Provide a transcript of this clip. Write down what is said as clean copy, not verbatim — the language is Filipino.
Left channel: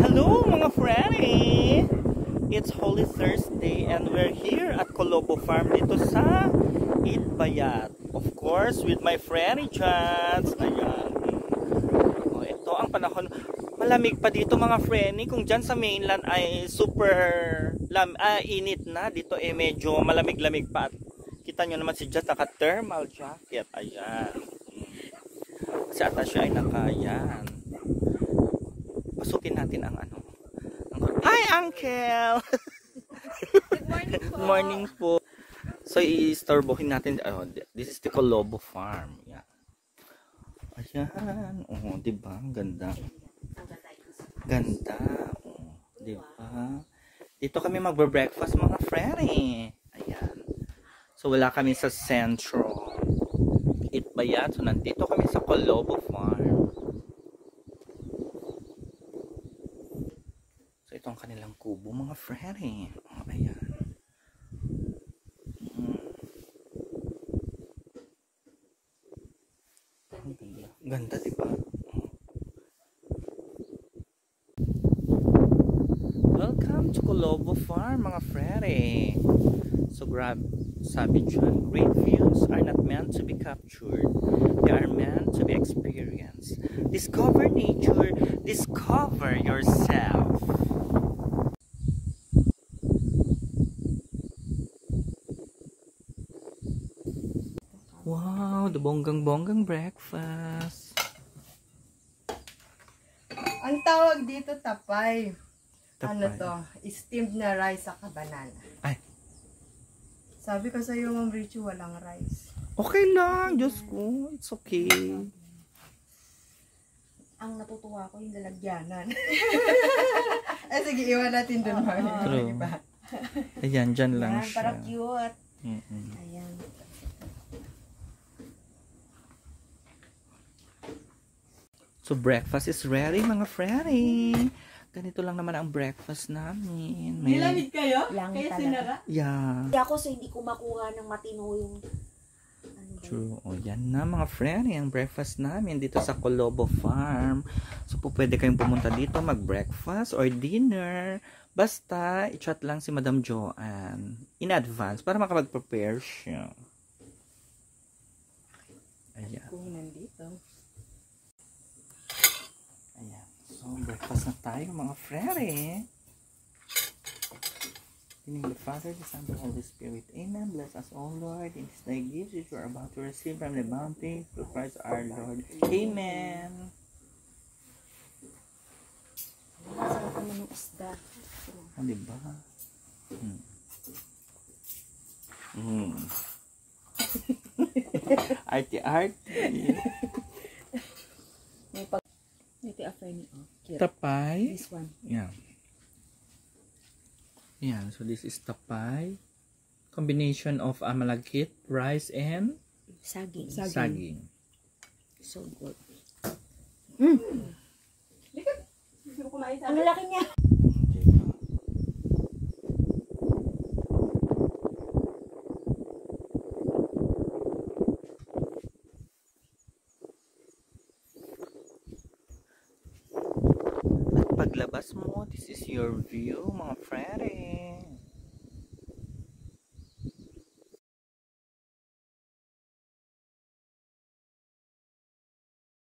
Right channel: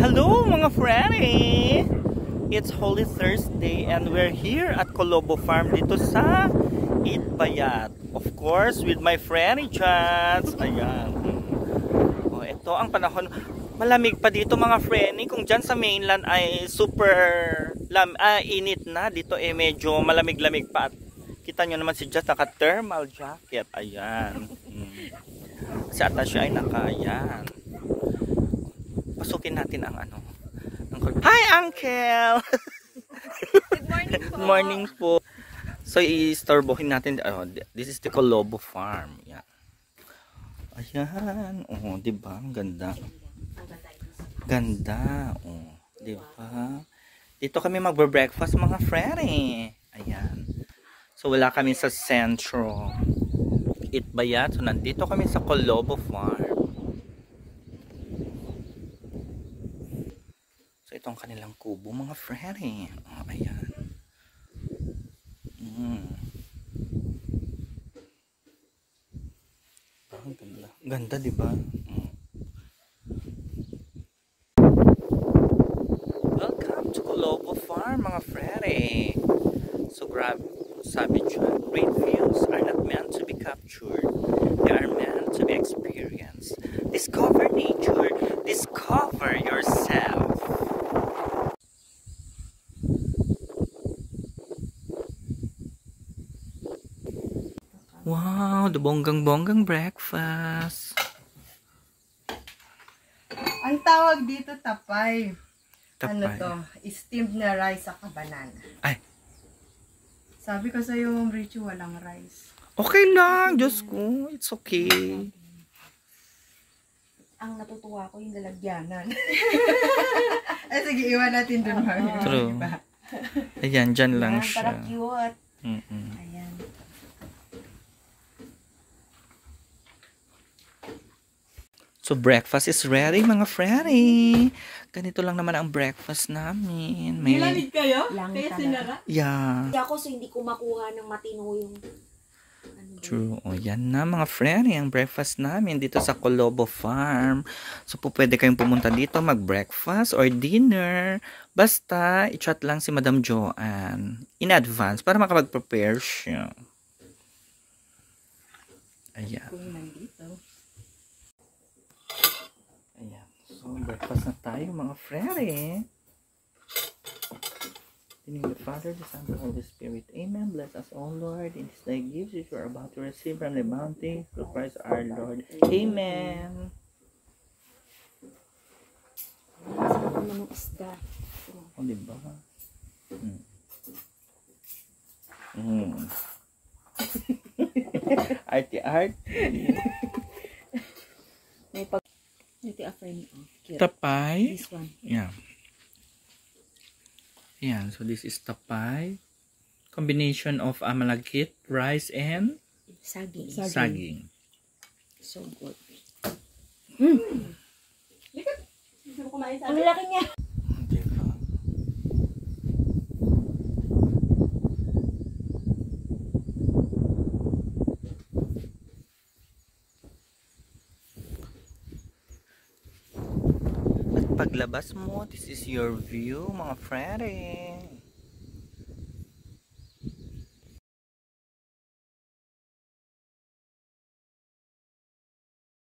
Hello mga Freddy! It's Holy Thursday and we're here at Colobo Farm dito sa Itbayat. Of course, with my Freddy Chats. Ayan. Oh, ito ang panahon. Malamig pa dito mga Freddy. Kung dyan sa mainland ay super init na. Dito medyo malamig-lamig pa. At kita nyo naman si Jess naka-thermal jacket. Ayan. Si Atasha ay naka-ayan. Pasukin natin ang ano. Hi, Uncle! Good morning po. Good morning po. So, i-storbohin natin. This is the Colobo Farm. Yan. Ayan. Oh, diba? Ang ganda. Ganda. Oh, diba? Dito kami magbe-breakfast mga Freddy. Ayan. So, wala kami sa sentro. Itbayat. So, nandito kami sa Colobo Farm. So, itong kanilang kubo, mga Freddy. Oh, ayan. Ang ganda. Ganda, diba? Welcome to Colobo Farm, mga Freddy. So, sabi dyan, great views are not meant to be captured. They are meant to be experienced. Discover nature. Discover yourself. Wow, the bonggang-bonggang breakfast. Ang tawag dito tapay. Tapay. Ano to? Steamed na rice sa banana. Ay. Sabi ko sa iyo, Ma'am Richie, walang rice. Okay lang, Diyos ko. It's okay. Ang natutuwa ko yung lalagyanan. Ay, sige, iwan natin dun, Mami. True. Ayan, dyan lang siya. Para cute. Ayan. So, breakfast is ready, mga Freddy. Ganito lang naman ang breakfast namin. May Nilamig kayo? Lang Kaya talaga. sinara? yeah. Hindi ako so hindi ko makuha ng matino yung True. O, yan na mga Freddy, ang breakfast namin dito sa Colobo Farm. So, pwede kayong pumunta dito mag-breakfast or dinner. Basta, i-chat lang si Madam Joanne in advance para makapag-prepare siya. Ayan. Kung nandito. Ayan. So, breakfast na tayo mga Freddy. In the Father, the Son, and the Holy Spirit. Amen. Bless us, O Lord. In this thy gifts which we are about to receive from the bounty through Christ our Lord. Amen. sarap naman ng isda. Ah, diba? Arte-arte. May pag... Ito after ni cute. Tapay. This one. Yeah. Yan. So, this is tapay. Combination of malagkit, rice, and Saging. saging. So good. Gusto mo kumain sa Ang laki niya. Diba? At paglabas mo, this is your view, mga Freddy.